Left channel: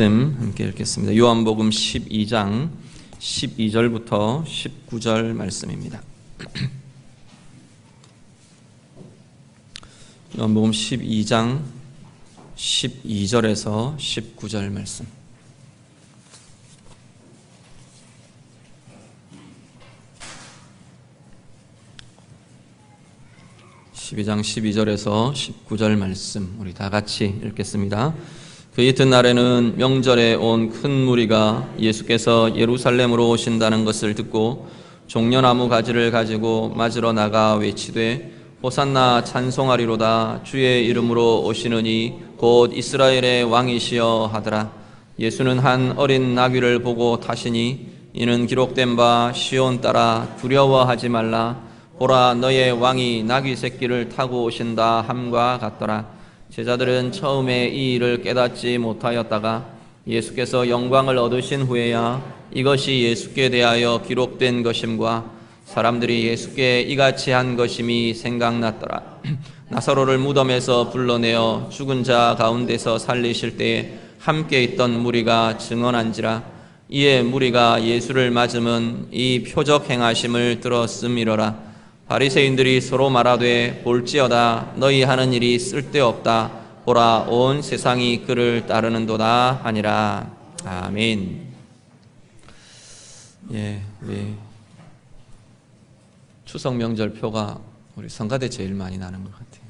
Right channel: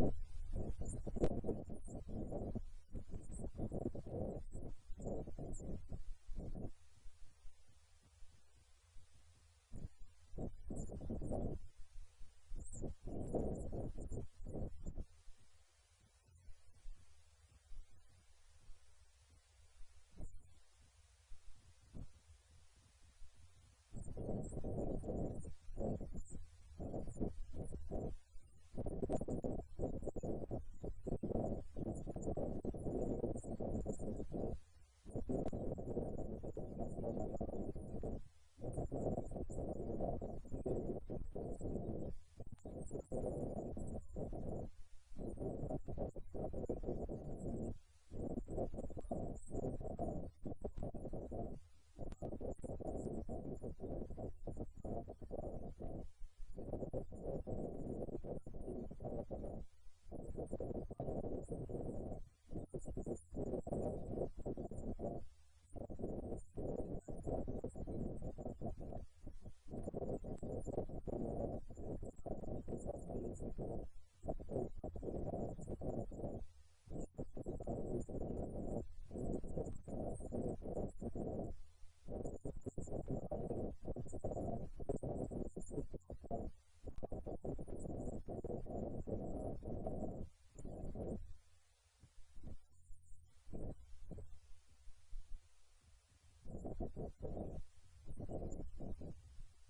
말씀 함께 읽겠습니다. 요한복음 12장 12절부터 19절 말씀입니다. 요한복음 12장 12절에서 19절 말씀. (12장 12절에서 19절) 말씀 우리 다 같이 읽겠습니다. 그 이튿날에는 명절에 온 큰 무리가 예수께서 예루살렘으로 오신다는 것을 듣고 종려나무 가지를 가지고 맞으러 나가 외치되 호산나 찬송하리로다. 주의 이름으로 오시느니 곧 이스라엘의 왕이시여 하더라. 예수는 한 어린 나귀를 보고 타시니 이는 기록된 바 시온 따라 두려워하지 말라. 보라, 너의 왕이 나귀 새끼를 타고 오신다 함과 같더라. 제자들은 처음에 이 일을 깨닫지 못하였다가 예수께서 영광을 얻으신 후에야 이것이 예수께 대하여 기록된 것임과 사람들이 예수께 이같이 한 것임이 생각났더라. 나사로를 무덤에서 불러내어 죽은 자 가운데서 살리실 때에 함께 있던 무리가 증언한지라. 이에 무리가 예수를 맞음은 이 표적 행하심을 들었음이러라. 바리새인들이 서로 말하되 볼지어다. 너희 하는 일이 쓸데없다. 보라, 온 세상이 그를 따르는도다 하니라. 아멘. 우리 추석 명절표가 우리 성가대 제일 많이 나는 것 같아요.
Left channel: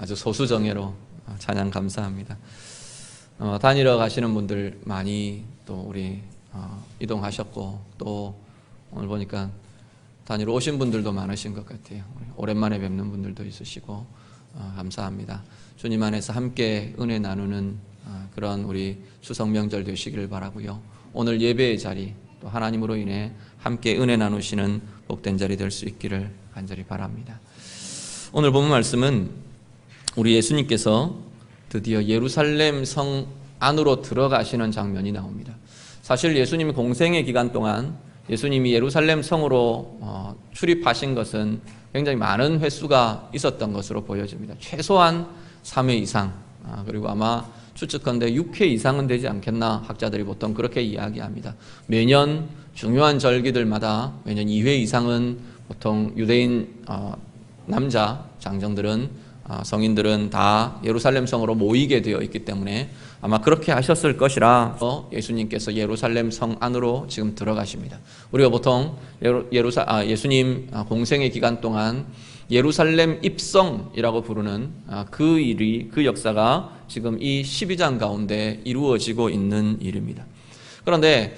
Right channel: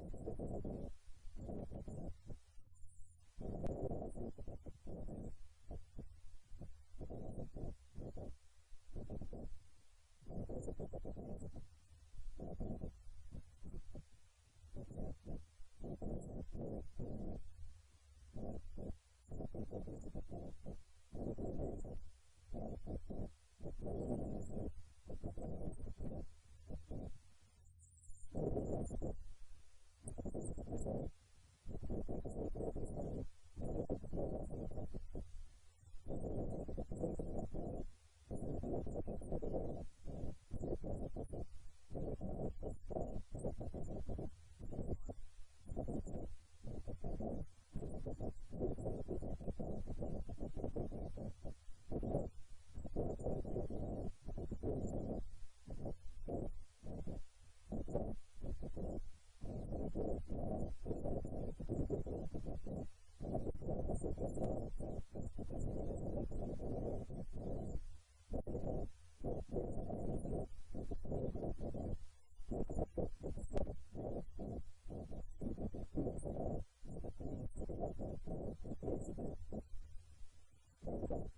아주 소수정예로 찬양 감사합니다. 다니러 가시는 분들 많이 또 우리 이동하셨고 또 오늘 보니까 다니러 오신 분들도 많으신 것 같아요. 오랜만에 뵙는 분들도 있으시고 감사합니다. 주님 안에서 함께 은혜 나누는 그런 우리 추석 명절 되시기를 바라고요. 오늘 예배의 자리 또 하나님으로 인해 함께 은혜 나누시는 복된 자리 될 수 있기를 간절히 바랍니다. 오늘 본 말씀은 우리 예수님께서 드디어 예루살렘 성 안으로 들어가시는 장면이 나옵니다. 사실 예수님 공생의 기간 동안 예수님이 예루살렘 성으로 출입하신 것은 굉장히 많은 횟수가 있었던 것으로 보여집니다. 최소한 3회 이상, 그리고 아마 추측컨대 6회 이상은 되지 않겠나 학자들이 보통 그렇게 이야기합니다. 매년 중요한 절기들마다 매년 2회 이상은 보통 유대인 남자 장정들은 성인들은 다 예루살렘 성으로 모이게 되어 있기 때문에 아마 그렇게 하셨을 것이라 예수님께서 예루살렘 성 안으로 지금 들어가십니다. 우리가 보통 예수님 공생의 기간 동안 예루살렘 입성이라고 부르는 그 일이, 그 역사가 지금 이 12장 가운데 이루어지고 있는 일입니다. 그런데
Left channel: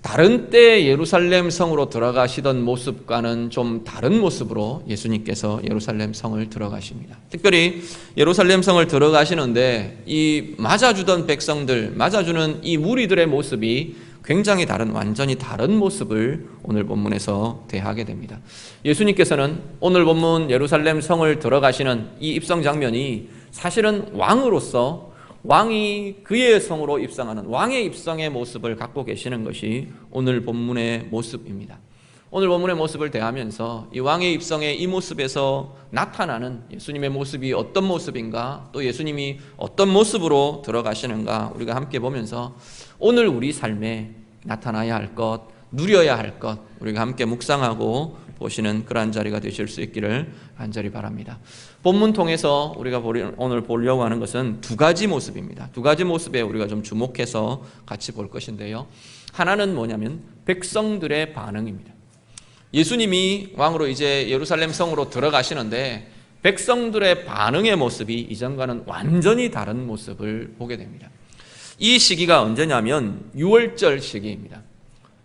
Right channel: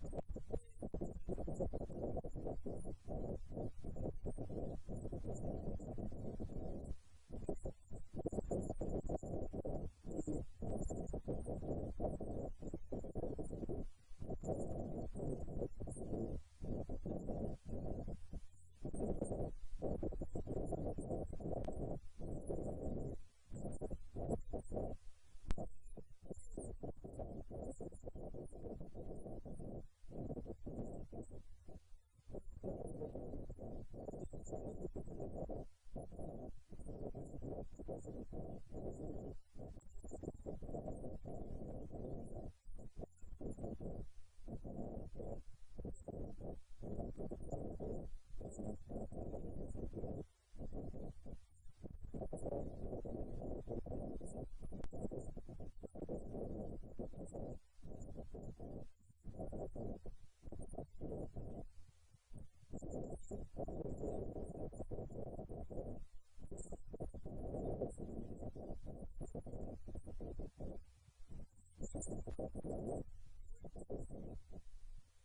다른 때 예루살렘 성으로 들어가시던 모습과는 좀 다른 모습으로 예수님께서 예루살렘 성을 들어가십니다. 특별히 예루살렘 성을 들어가시는데 이 맞아주던 백성들, 맞아주는 이 무리들의 모습이 굉장히 다른, 완전히 다른 모습을 오늘 본문에서 대하게 됩니다. 예수님께서는 오늘 본문 예루살렘 성을 들어가시는 이 입성 장면이 사실은 왕으로서 왕이 그의 성으로 입성하는 왕의 입성의 모습을 갖고 계시는 것이 오늘 본문의 모습입니다. 오늘 본문의 모습을 대하면서 이 왕의 입성의 이 모습에서 나타나는 예수님의 모습이 어떤 모습인가, 또 예수님이 어떤 모습으로 들어가시는가 우리가 함께 보면서 오늘 우리 삶에 나타나야 할 것, 누려야 할 것 우리가 함께 묵상하고 보시는 그러한 자리가 되실 수 있기를 간절히 바랍니다. 본문 통해서 우리가 오늘 보려고 하는 것은 두 가지 모습입니다. 두 가지 모습에 우리가 좀 주목해서 같이 볼 것인데요. 하나는 뭐냐면 백성들의 반응입니다. 예수님이 왕으로 이제 예루살렘 성으로 들어가시는데 백성들의 반응의 모습이 이전과는 완전히 다른 모습을 보게 됩니다. 이 시기가 언제냐면 유월절 시기입니다.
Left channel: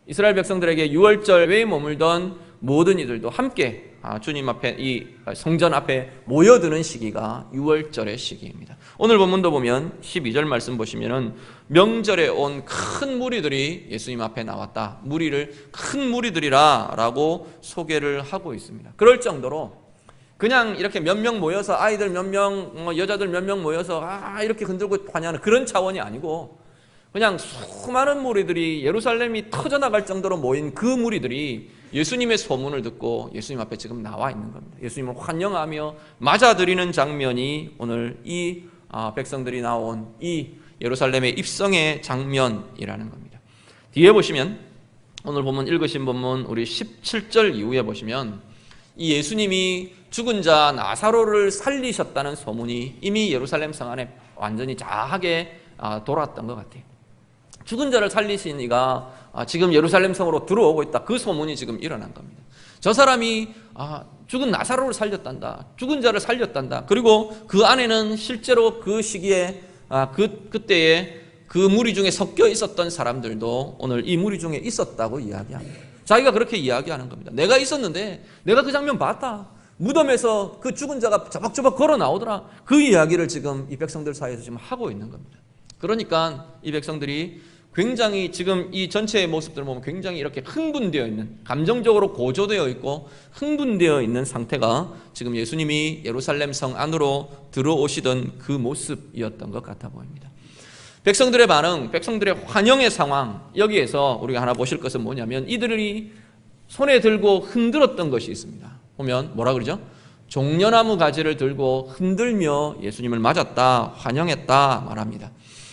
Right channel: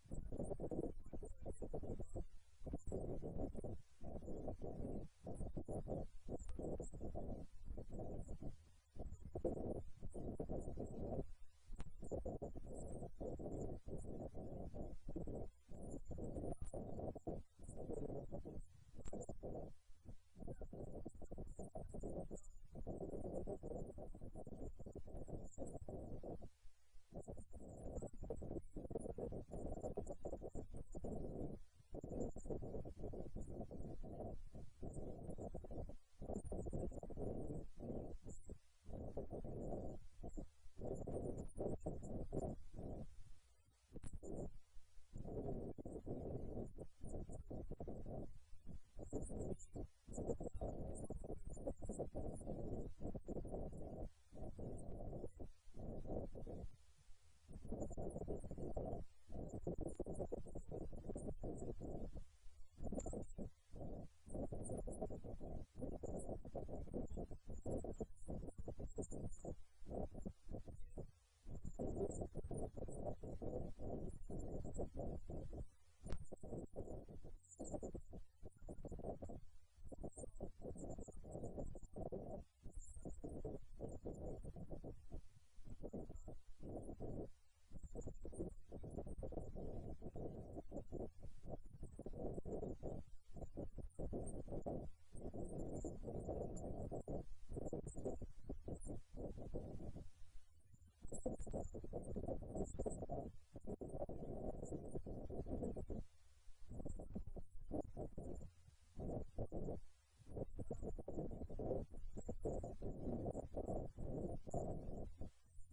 이스라엘 백성들에게 유월절에 머물던 모든 이들도 함께 주님 앞에, 이 성전 앞에 모여드는 시기가 유월절의 시기입니다. 오늘 본문도 보면 12절 말씀 보시면은 명절에 온 큰 무리들이 예수님 앞에 나왔다. 무리를 큰 무리들이라 라고 소개를 하고 있습니다. 그럴 정도로 그냥 이렇게 몇 명 모여서 아이들 몇 명, 여자들 몇 명 모여서 이렇게 흔들고 환영하는 그런 차원이 아니고 그냥 수많은 무리들이 예루살렘이 터져나갈 정도로 모인 그 무리들이 예수님의 소문을 듣고 예수님 앞에 지금 나와 있는 겁니다. 예수님을 환영하며 맞아들이는 장면이 오늘 이 백성들이 나온 이 예루살렘의 입성의 장면이라는 겁니다. 뒤에 보시면 오늘 본문 읽으신 본문 우리 17절 이후에 보시면 이 예수님이 죽은 자 나사로를 살리셨다는 소문이 이미 예루살렘 성 안에 완전히 자하게 돌았던 것 같아요. 죽은 자를 살리신 이가 지금 예루살렘 성으로 들어오고 있다. 그 소문이 지금 일어난 겁니다. 저 사람이 죽은 나사로를 살렸단다. 죽은 자를 살렸단다. 그리고 그 안에는 실제로 그 시기에 그때에 그 무리 중에 섞여 있었던 사람들도 오늘 이 무리 중에 있었다고 이야기합니다. 자기가 그렇게 이야기하는 겁니다. 내가 있었는데 내가 그 장면 봤다. 무덤에서 그 죽은 자가 저벅저벅 걸어 나오더라. 그 이야기를 지금 이 백성들 사이에서 지금 하고 있는 겁니다. 그러니까 이 백성들이 굉장히 지금 이 전체의 모습들을 보면 굉장히 이렇게 흥분되어 있는, 감정적으로 고조되어 있고 흥분되어 있는 상태가 지금 예수님이 예루살렘 성 안으로 들어오시던 그 모습이었던 것 같아 보입니다. 백성들의 반응, 백성들의 환영의 상황, 여기에서 우리가 하나 보실 것은 뭐냐면 이들이 손에 들고 흔들었던 것이 있습니다. 보면 뭐라 그러죠? 종려나무 가지를 들고 흔들며 예수님을 맞았다, 환영했다 말합니다.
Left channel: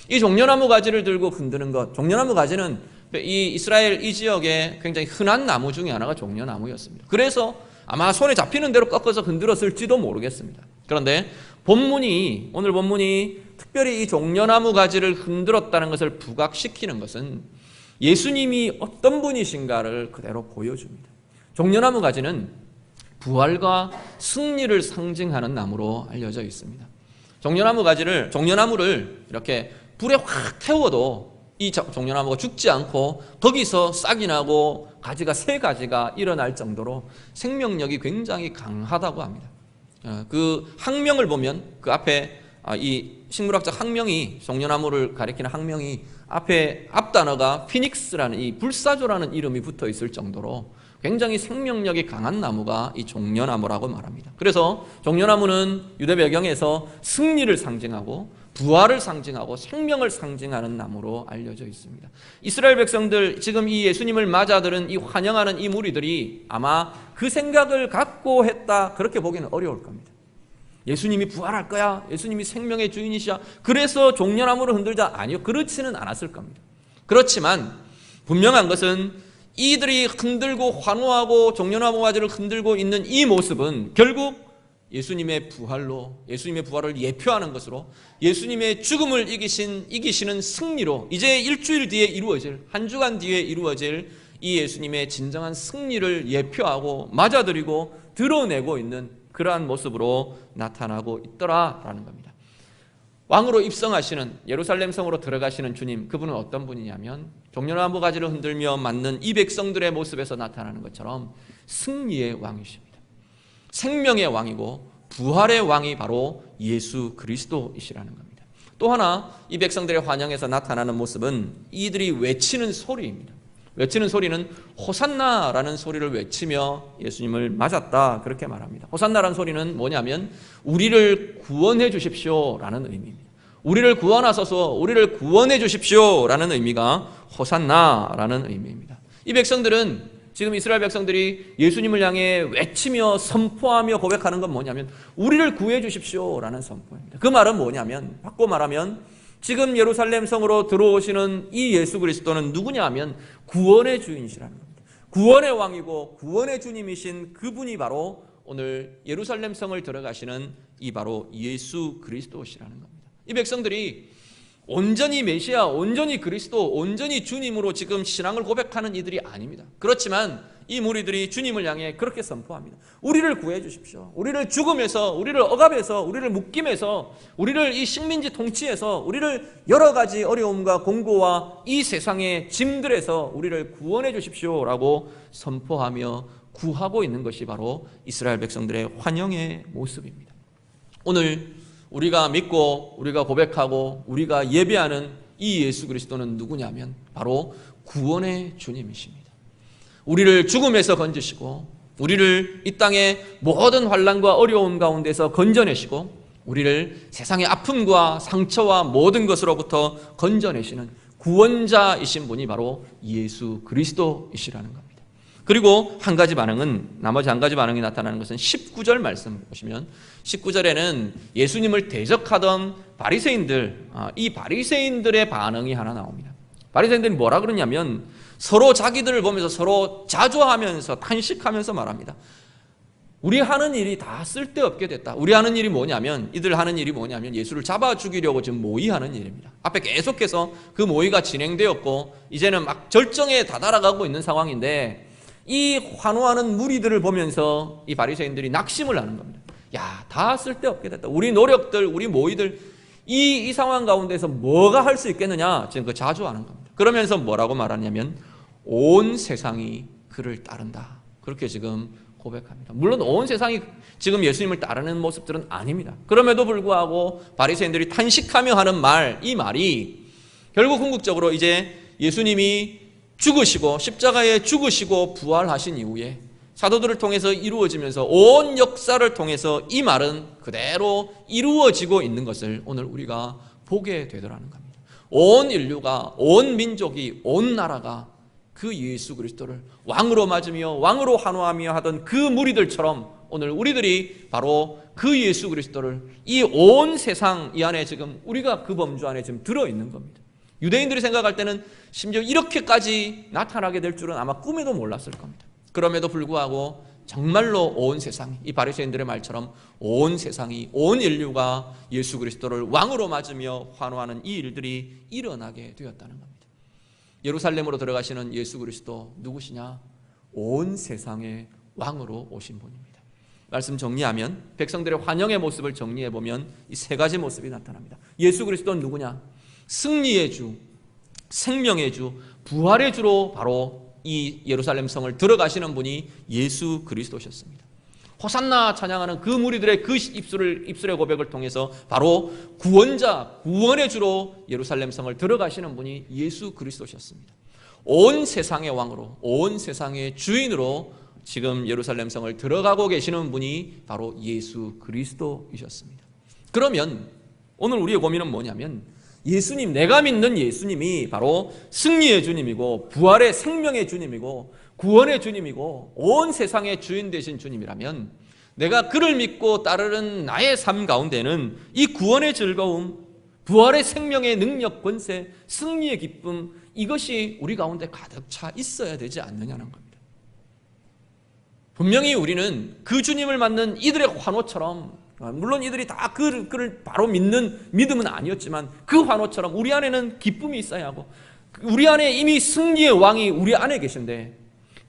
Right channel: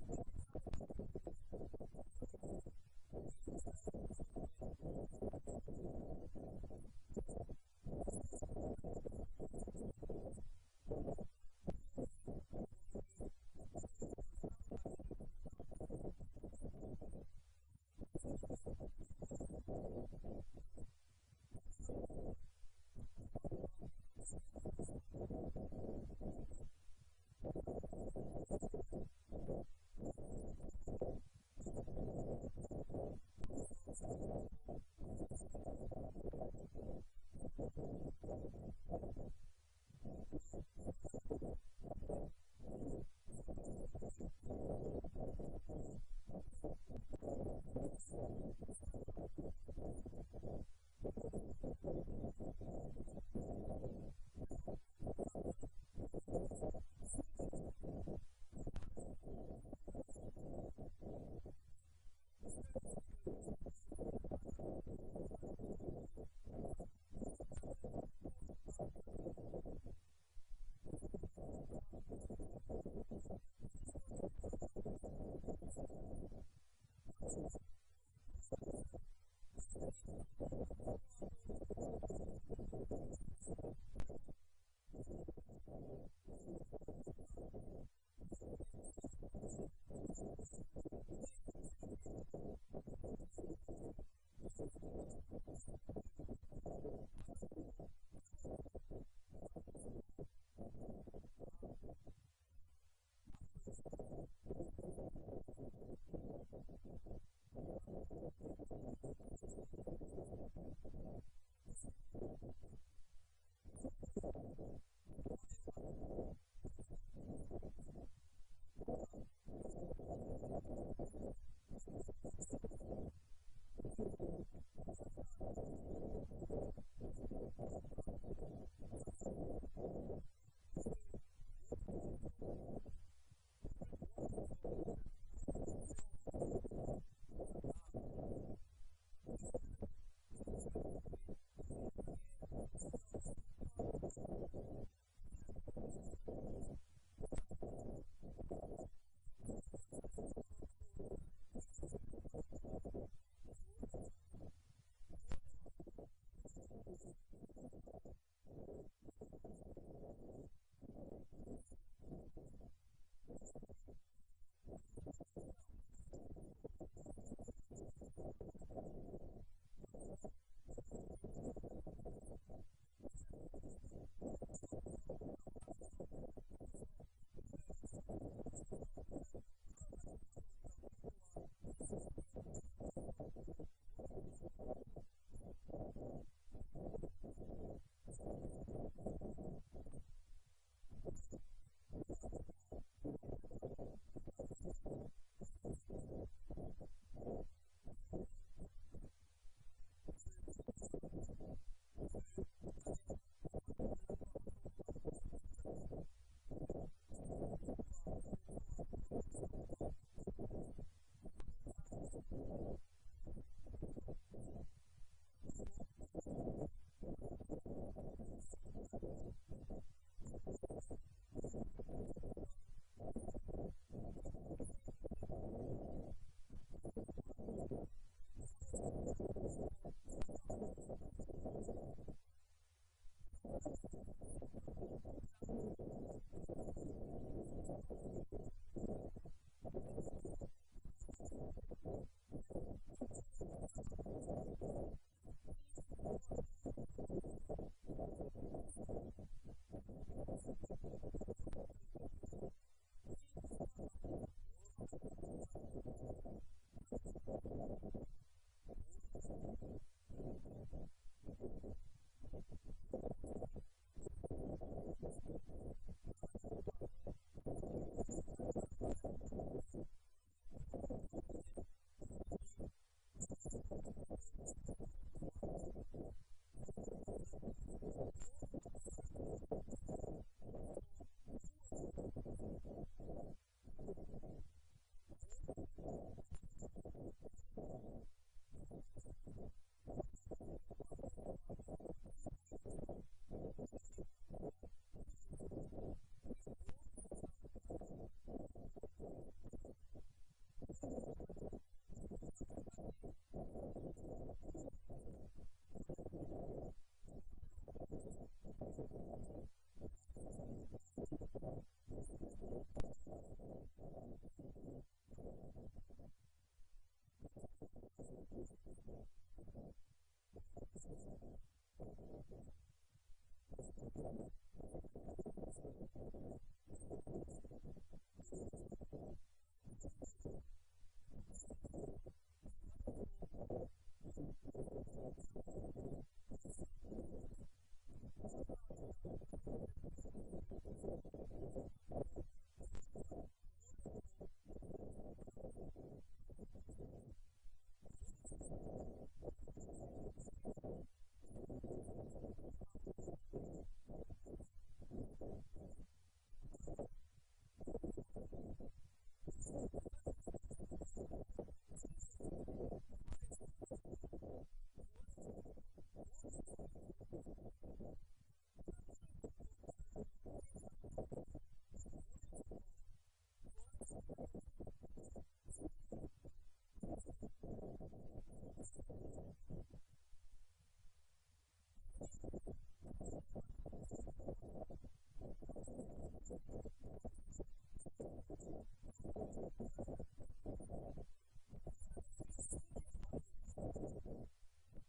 이 종려나무 가지를 들고 흔드는 것, 종려나무 가지는 이 이스라엘 이 지역에 굉장히 흔한 나무 중에 하나가 종려나무였습니다. 그래서 아마 손에 잡히는 대로 꺾어서 흔들었을지도 모르겠습니다. 그런데 오늘 본문이 특별히 이 종려나무 가지를 흔들었다는 것을 부각시키는 것은 예수님이 어떤 분이신가를 그대로 보여줍니다. 종려나무 가지는 부활과 승리를 상징하는 나무로 알려져 있습니다. 종려나무를 이렇게 불에 확 태워도 이 종려나무가 죽지 않고 거기서 싹이 나고 가지가 세 가지가 일어날 정도로 생명력이 굉장히 강하다고 합니다. 그 학명을 보면 그 앞에 이 식물학적 학명이, 종려나무를 가리키는 학명이 앞 단어가 피닉스라는 이 불사조라는 이름이 붙어 있을 정도로 굉장히 생명력이 강한 나무가 이 종려나무라고 말합니다. 그래서 종려나무는 유대 배경에서 승리를 상징하고 부활을 상징하고 생명을 상징하는 나무로 알려져 있습니다. 이스라엘 백성들, 지금 이 예수님을 맞아들은 이 환영하는 이 무리들이 아마 그 생각을 갖고 했다, 그렇게 보기는 어려울 겁니다. 예수님이 부활할 거야, 예수님이 생명의 주인이시야, 그래서 종려나무를 흔들자. 아니요, 그렇지는 않았을 겁니다. 그렇지만 분명한 것은 이들이 흔들고 환호하고 종려나무 가지를 흔들고 있는 이 모습은 결국 예수님의 부활을 예표하는 것으로, 예수님의 죽음을 이기시는 승리로, 이제 일주일 뒤에 이루어질, 한 주간 뒤에 이루어질 이 예수님의 진정한 승리를 예표하고 맞아들이고 드러내고 있는 그러한 모습으로 나타나고 있더라라는 겁니다. 왕으로 입성하시는, 예루살렘 성으로 들어가시는 주님, 그분은 어떤 분이냐면 종려나무 가지를 흔들며 맞는 이 백성들의 모습에서 나타나는 것처럼 승리의 왕이십니다. 생명의 왕이고 부활의 왕이 바로 예수 그리스도이시라는 겁니다. 또 하나 이 백성들의 환영에서 나타나는 모습은 이들이 외치는 소리입니다. 외치는 소리는 호산나라는 소리를 외치며 예수님을 맞았다, 그렇게 말합니다. 호산나라는 소리는 뭐냐면 우리를 구원해 주십시오라는 의미입니다. 우리를 구원하소서, 우리를 구원해 주십시오라는 의미가 호산나라는 의미입니다. 이 백성들은, 지금 이스라엘 백성들이 예수님을 향해 외치며 선포하며 고백하는 건 뭐냐면 우리를 구해 주십시오라는 선포입니다. 그 말은 뭐냐면, 바꿔 말하면 지금 예루살렘 성으로 들어오시는 이 예수 그리스도는 누구냐 하면 구원의 주인이시라는 겁니다. 구원의 왕이고 구원의 주님이신 그분이 바로 오늘 예루살렘 성을 들어가시는 이 바로 예수 그리스도시라는 겁니다. 이 백성들이 온전히 메시아, 온전히 그리스도, 온전히 주님으로 지금 신앙을 고백하는 이들이 아닙니다. 그렇지만 이 무리들이 주님을 향해 그렇게 선포합니다. 우리를 구해 주십시오. 우리를 죽음에서, 우리를 억압에서, 우리를 묶임에서, 우리를 이 식민지 통치에서, 우리를 여러 가지 어려움과 공고와 이 세상의 짐들에서 우리를 구원해 주십시오라고 선포하며 구하고 있는 것이 바로 이스라엘 백성들의 환영의 모습입니다. 오늘 우리가 믿고 우리가 고백하고 우리가 예배하는 이 예수 그리스도는 누구냐면 바로 구원의 주님이십니다. 우리를 죽음에서 건지시고 우리를 이 땅의 모든 환난과 어려움 가운데서 건져내시고 우리를 세상의 아픔과 상처와 모든 것으로부터 건져내시는 구원자이신 분이 바로 예수 그리스도이시라는 겁니다. 그리고 나머지 한 가지 반응이 나타나는 것은 19절 말씀 보시면 19절에는 예수님을 대적하던 바리새인들, 이 바리새인들의 반응이 하나 나옵니다. 바리새인들이 뭐라 그러냐면 서로 자기들을 보면서 서로 자조하면서 탄식하면서 말합니다. 우리 하는 일이 다 쓸데없게 됐다. 우리 하는 일이 뭐냐면, 이들 하는 일이 뭐냐면 예수를 잡아 죽이려고 지금 모의하는 일입니다. 앞에 계속해서 그 모의가 진행되었고 이제는 막 절정에 다다라가고 있는 상황인데, 이 환호하는 무리들을 보면서 이 바리새인들이 낙심을 하는 겁니다. 야, 다 쓸데없게 됐다. 우리 노력들, 우리 모의들, 이 상황 가운데서 뭐가 할 수 있겠느냐, 지금 그 자조하는 겁니다. 그러면서 뭐라고 말하냐면 온 세상이 그를 따른다. 그렇게 지금 고백합니다. 물론 온 세상이 지금 예수님을 따르는 모습들은 아닙니다. 그럼에도 불구하고 바리새인들이 탄식하며 하는 말, 이 말이 결국 궁극적으로 이제 예수님이 죽으시고 십자가에 죽으시고 부활하신 이후에 사도들을 통해서 이루어지면서 온 역사를 통해서 이 말은 그대로 이루어지고 있는 것을 오늘 우리가 보게 되더라는 겁니다. 온 인류가, 온 민족이, 온 나라가 그 예수 그리스도를 왕으로 맞으며 왕으로 환호하며 하던 그 무리들처럼 오늘 우리들이 바로 그 예수 그리스도를 이 온 세상 이 안에 지금 우리가 그 범주 안에 지금 들어있는 겁니다. 유대인들이 생각할 때는 심지어 이렇게까지 나타나게 될 줄은 아마 꿈에도 몰랐을 겁니다. 그럼에도 불구하고 정말로 온 세상이, 이 바리새인들의 말처럼 온 세상이, 온 인류가 예수 그리스도를 왕으로 맞으며 환호하는 이 일들이 일어나게 되었다는 겁니다. 예루살렘으로 들어가시는 예수 그리스도 누구시냐? 온 세상의 왕으로 오신 분입니다. 말씀 정리하면, 백성들의 환영의 모습을 정리해보면 이 세 가지 모습이 나타납니다. 예수 그리스도는 누구냐? 승리의 주, 생명의 주, 부활의 주로 바로 이 예루살렘 성을 들어가시는 분이 예수 그리스도셨습니다. 호산나 찬양하는 그 무리들의 그 입술의 고백을 통해서 바로 구원자, 구원의 주로 예루살렘 성을 들어가시는 분이 예수 그리스도셨습니다. 온 세상의 왕으로, 온 세상의 주인으로 지금 예루살렘 성을 들어가고 계시는 분이 바로 예수 그리스도이셨습니다. 그러면 오늘 우리의 고민은 뭐냐면, 예수님, 내가 믿는 예수님이 바로 승리의 주님이고 부활의 생명의 주님이고 구원의 주님이고 온 세상의 주인 되신 주님이라면, 내가 그를 믿고 따르는 나의 삶 가운데는 이 구원의 즐거움, 부활의 생명의 능력, 권세, 승리의 기쁨, 이것이 우리 가운데 가득 차 있어야 되지 않느냐는 겁니다. 분명히 우리는 그 주님을 맞는 이들의 환호처럼, 물론 이들이 다 그를 바로 믿는 믿음은 아니었지만 그 환호처럼 우리 안에는 기쁨이 있어야 하고, 우리 안에 이미 승리의 왕이 우리 안에 계신데,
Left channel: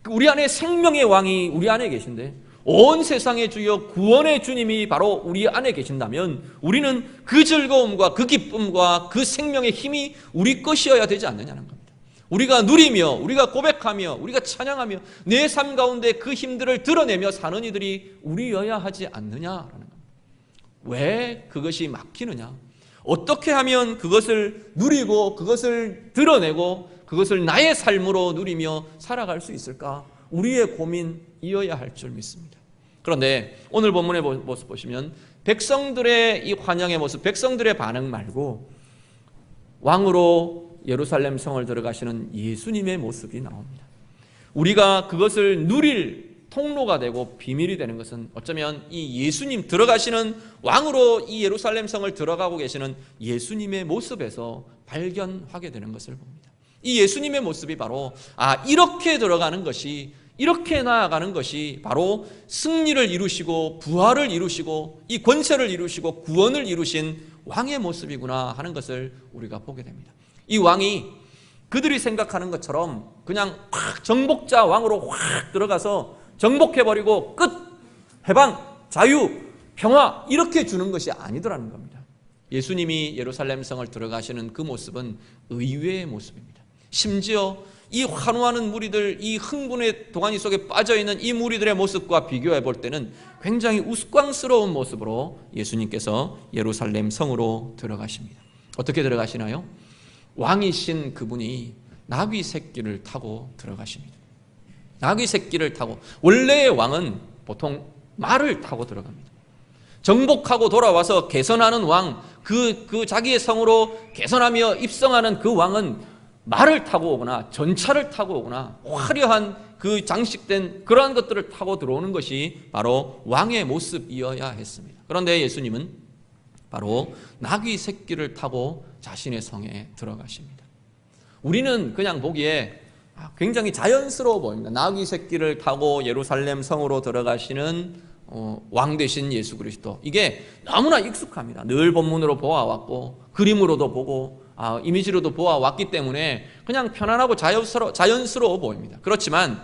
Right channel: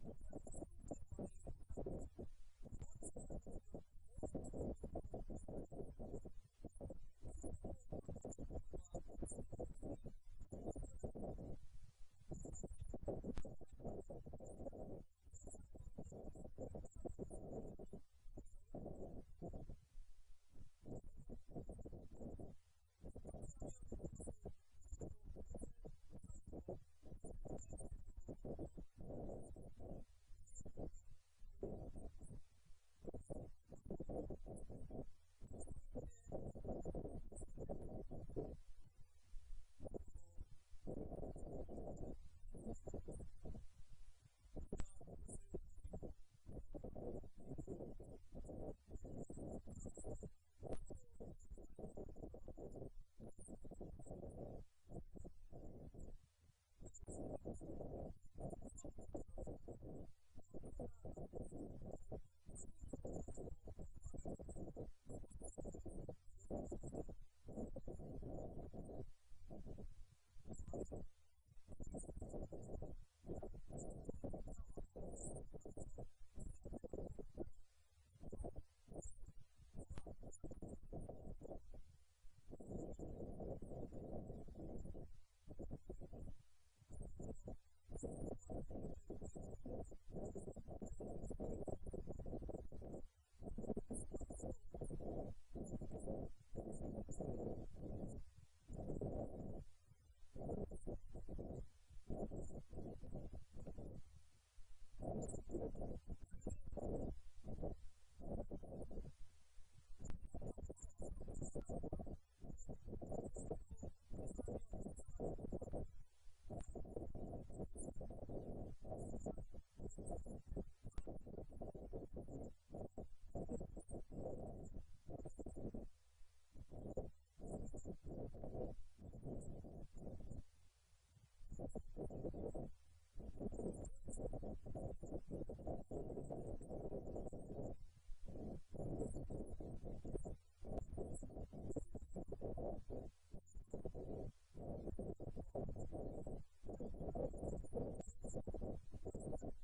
우리 안에 생명의 왕이 우리 안에 계신데, 온 세상의 주여 구원의 주님이 바로 우리 안에 계신다면 우리는 그 즐거움과 그 기쁨과 그 생명의 힘이 우리 것이어야 되지 않느냐는 겁니다. 우리가 누리며, 우리가 고백하며, 우리가 찬양하며 내 삶 가운데 그 힘들을 드러내며 사는 이들이 우리여야 하지 않느냐라는 겁니다. 왜 그것이 막히느냐? 어떻게 하면 그것을 누리고 그것을 드러내고 그것을 나의 삶으로 누리며 살아갈 수 있을까? 우리의 고민이어야 할 줄 믿습니다. 그런데 오늘 본문의 모습 보시면 백성들의 이 환영의 모습, 백성들의 반응 말고 왕으로 예루살렘 성을 들어가시는 예수님의 모습이 나옵니다. 우리가 그것을 누릴 통로가 되고 비밀이 되는 것은 어쩌면 이 예수님, 들어가시는 왕으로 이 예루살렘 성을 들어가고 계시는 예수님의 모습에서 발견하게 되는 것을 봅니다. 이 예수님의 모습이 바로 이렇게 들어가는 것이, 이렇게 나아가는 것이 바로 승리를 이루시고 부활을 이루시고 이 권세를 이루시고 구원을 이루신 왕의 모습이구나 하는 것을 우리가 보게 됩니다. 이 왕이 그들이 생각하는 것처럼 그냥 확 정복자 왕으로 확 들어가서 정복해버리고 끝, 해방, 자유, 평화 이렇게 주는 것이 아니더라는 겁니다. 예수님이 예루살렘 성을 들어가시는 그 모습은 의외의 모습입니다. 심지어 이 환호하는 무리들, 이 흥분의 동아니 속에 빠져있는 이 무리들의 모습과 비교해 볼 때는 굉장히 우스꽝스러운 모습으로 예수님께서 예루살렘 성으로 들어가십니다. 어떻게 들어가시나요? 왕이신 그분이 나귀 새끼를 타고 들어가십니다. 나귀 새끼를 타고, 원래의 왕은 보통 말을 타고 들어갑니다. 정복하고 돌아와서 개선하는 왕, 그 자기의 성으로 개선하며 입성하는 그 왕은 말을 타고 오거나 전차를 타고 오거나 화려한 그 장식된 그러한 것들을 타고 들어오는 것이 바로 왕의 모습이어야 했습니다. 그런데 예수님은 바로 나귀 새끼를 타고 자신의 성에 들어가십니다. 우리는 그냥 보기에 굉장히 자연스러워 보입니다. 나귀 새끼를 타고 예루살렘 성으로 들어가시는 왕 되신 예수 그리스도, 이게 너무나 익숙합니다. 늘 본문으로 보아왔고 그림으로도 보고 이미지로도 보아왔기 때문에 그냥 편안하고 자연스러워 보입니다. 그렇지만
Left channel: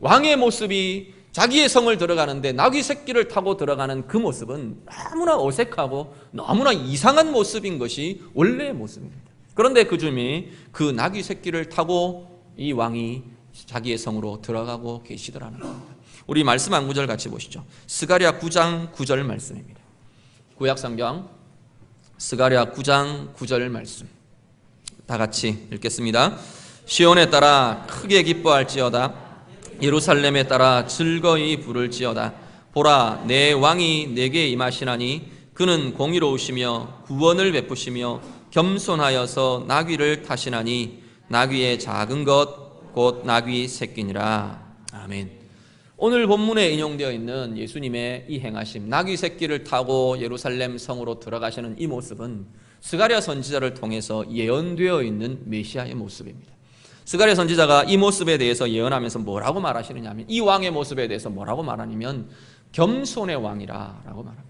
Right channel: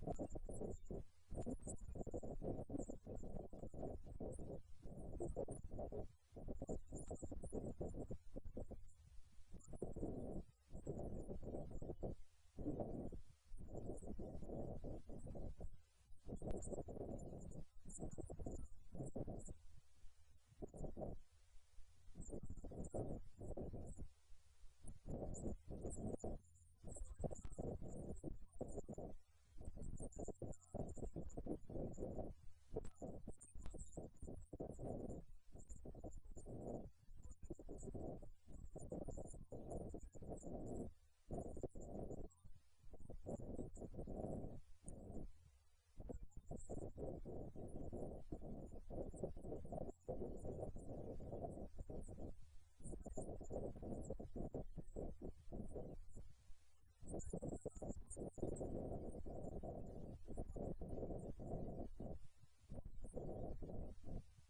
왕의 모습이 자기의 성을 들어가는데 나귀 새끼를 타고 들어가는 그 모습은 너무나 어색하고 너무나 이상한 모습인 것이 원래의 모습입니다. 그런데 그 주님이 그 나귀 새끼를 타고 이 왕이 자기의 성으로 들어가고 계시더라는 겁니다. 우리 말씀 한 구절 같이 보시죠. 스가랴 9장 9절 말씀입니다. 구약성경 스가랴 9장 9절 말씀 다 같이 읽겠습니다. 시온에 따라 크게 기뻐할지어다. 예루살렘에 따라 즐거이 부를지어다. 보라, 내 왕이 내게 임하시나니 그는 공의로우시며 구원을 베푸시며 겸손하여서 나귀를 타시나니 나귀의 작은 것 곧 나귀 새끼니라. 아멘. 오늘 본문에 인용되어 있는 예수님의 이 행하심, 나귀 새끼를 타고 예루살렘 성으로 들어가시는 이 모습은 스가랴 선지자를 통해서 예언되어 있는 메시아의 모습입니다. 스가랴 선지자가 이 모습에 대해서 예언하면서 뭐라고 말하시느냐 하면, 이 왕의 모습에 대해서 뭐라고 말하냐면 겸손의 왕이라고 말합니다.